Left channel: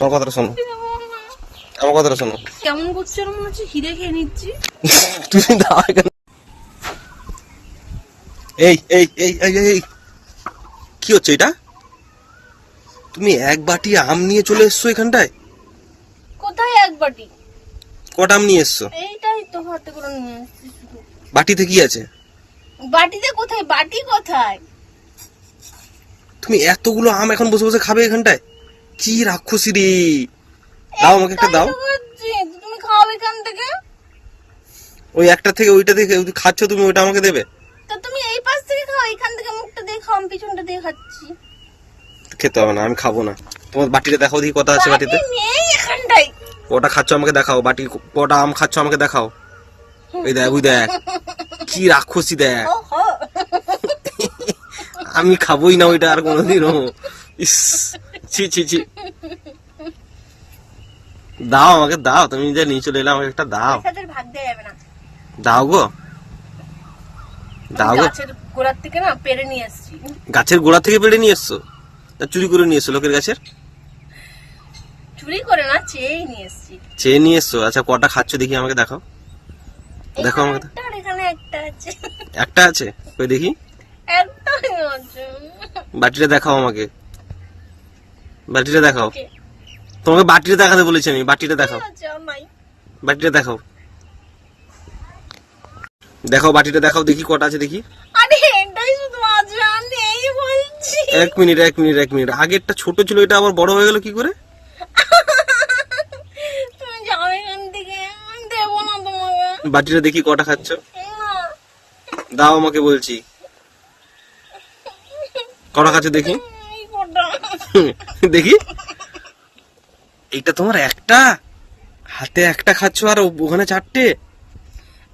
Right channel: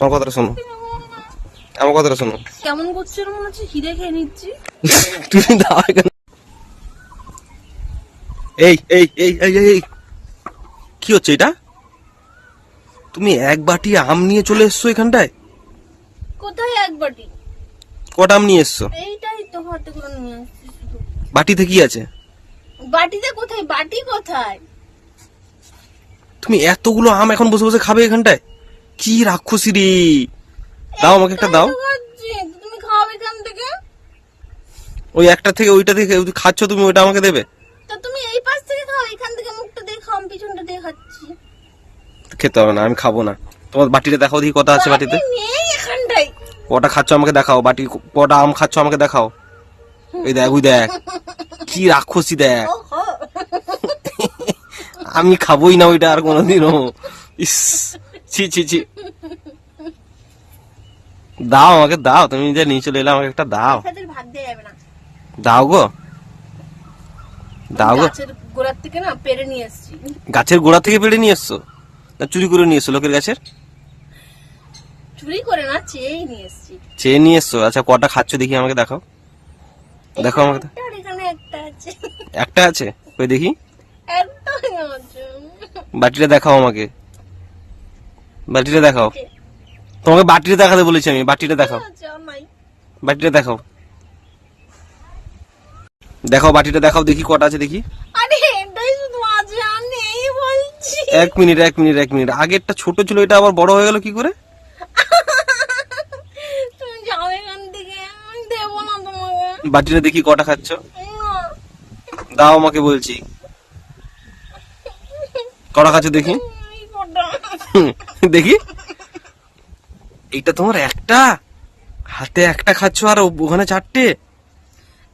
আমার কথাটা শোনো। আমার কথাটা শোনো। কেমন করছে মনে হচ্ছে? হিরে খেয়ে নিচ্ছি। এখানে। এই এই এই এই এই, কি হচ্ছে এটা? তুমি এক বাটি আম নিয়ে চলে এসছো এখানটায়? কোথায় এক বাটি? কটা আম নিয়ে এসছো? এইটাই তো হাতে করে নিয়ে বাটিতে কি আছে? বাটিতে কোথায়? বাটি কোথায়? তুমি এতগুলো আম এখন বসে বসে খাবে এখানটায়? কি রাক্ষসী রে দাও আমাকে একটা দাও। তুমি খাও এখান থেকে? ওই একটা থেকে ওইটা থেকে খাচ্ছ তুমি ওইটা আমাকে দেবে। তা তুমি এই পাশ থেকে খাও এখান থেকে মুখটা দিয়ে খাও পিছনটা দিয়ে খাচ্ছি। খেতে হবে না আমি খাব না। তোমার বাটিতে দেখাও দেখি কটা আছে বাটিতে। কটা খাচ্ছ আমাকে দেখাও বাটি কটা আম খাচ্ছ আমাকে দেখাও। এই দেখ ওই দেখ কি রাক্ষসী দেখ। আমি খাবোই না ওইটা আর কোনোদিনও। ইস। ছি ছি ছি। দাও আমাকে দাও। তুমি যে নিয়ে চলে এলে আমাকে একটা দাও। দাও গো। দাও গো। গাছের গোড়ার থেকে না পেরে নিয়ে এসছি। গাছের গোড়া থেকে পেড়ে নিয়ে এসছো? না চুরি করে নিয়ে এসছো লোকের গাছের? চুরি করে না চেয়েই নিয়ে এসছি। চেয়ে নিয়ে এসছো? আচ্ছা কটা খাচ্ছ দেখি আমাকে দেখাও। দেখো আমাকে একটা এখানে একটা আছে। একটা আছে? ওই দেখি। বাটিটা দেখাও আমাকে। বাটিটা দেখাও। তোমাকে বাটিটা দেখাতে বলেছি আমি বাটিটা দেখাও। আছে আর নাই বাটিটা দেখাও। দেখাও বাটিটা দেখাও দেখি কটা আছে দেখি। এক মিনিট এক মিনিট এক মিনিট। আগেরটা ছোট ছিল এটা আবার বড় হয়ে গেল কি করে? বাটিটা দেখি কটা খাচ্ছ। দাও আমাকে বলছি। কটা খাচ্ছ দেখি। দেখি। এটা তোমার একটা? হাতে একটা খাচ্ছ আর ওখানে চারটে?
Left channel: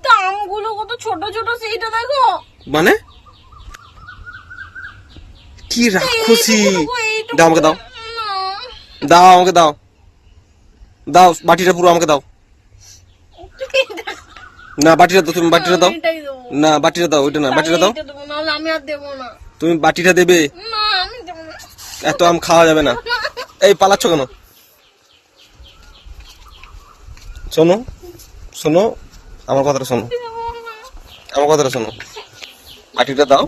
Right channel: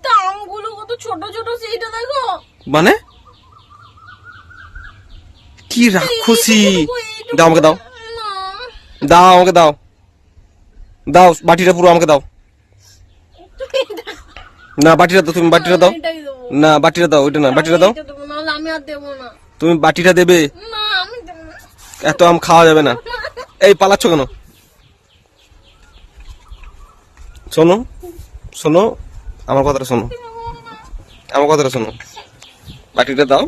আমগুলো কত ছোট ছোট সেইটা দেখো। মানে? কি রাক্ষসী। দাও আমাকে দাও। দাও আমাকে দাও। দাও বাটিটা পুরো আমাকে দাও। না বাটিটা দাও তুমি বাটিটা দাও। না বাটিটা দাও ওইটা না বাটিটা দাও। তুমি বাটিটা দেবো। না এত আম খাওয়া যাবে না। এই পালাচ্ছ কেন? শোনো শোনো আমার কথাটা শোনো। আমার কথাটা শোনো। বাটিটা দাও।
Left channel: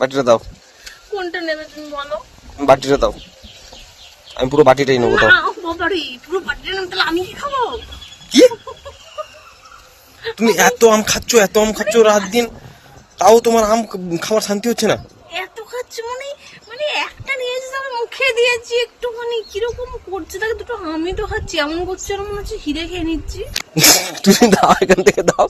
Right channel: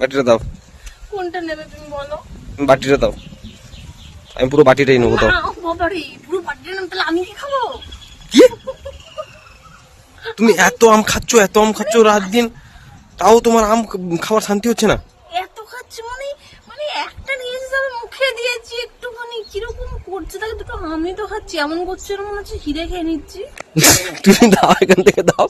বাটিটা দাও। কোনটা নেবে তুমি বলো? বাটিটা দাও। আমি পুরো বাটিটাই নেব দাও। পুরো নেব, তাহলে আমি কি খাব? কি? তুমি এত আম খাচ্ছ এত আম খাচ্ছ রাত দিন। তাও তোমার আম খাওয়ার শান্তি হচ্ছে না? এত খাচ্ছি মানে? মুখে দিয়েছি একটুখানি। কীরকম করছে? তাকে দুটো আমি তো খাচ্ছি। এমন করছে এরকম হচ্ছে হিরে খেয়ে নিচ্ছি। তুমি দাও এখান থেকে দাও।